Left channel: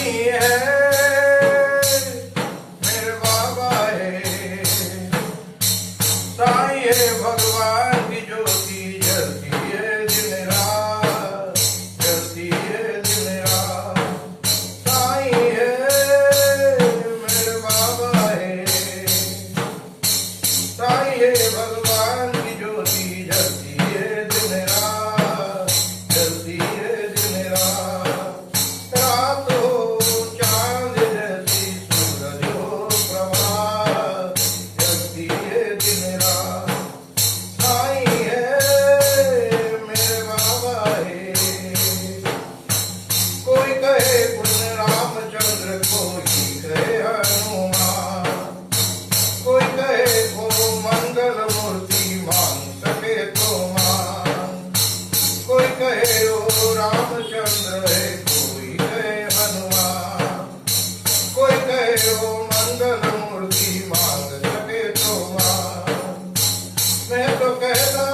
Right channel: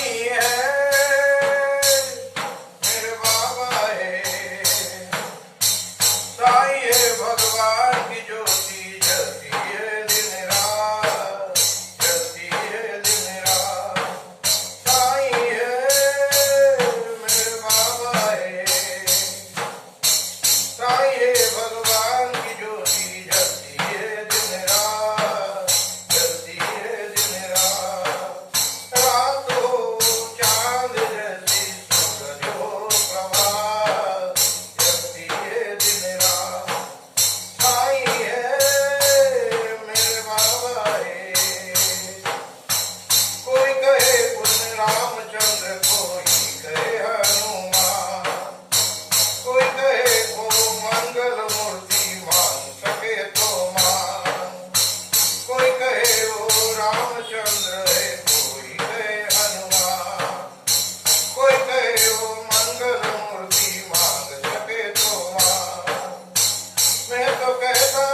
साईं है मेरे बाबा है, साईं है भगवान की ज्योति जलती है दिन रात, जलती है दिन रात। साईं है मेरे बाबा है, साईं है भगवान की ज्योति जलती है दिन रात, जलती है दिन रात। रात हो चांद जैसी सूरज हो प्रभात, जलती है दिन रात। साईं है मेरे बाबा है। कोई कहे कृष्ण रामचंद्र, कोई कहे हनुमान, कोई कहे को मंगल मूर्ति मांग सके तो मान। कोई कहे वो रामचंद्र है, कोई कहे हनुमान, कोई कहे वो मंगल मूर्ति मांग सके तो मान। मैं तो कहता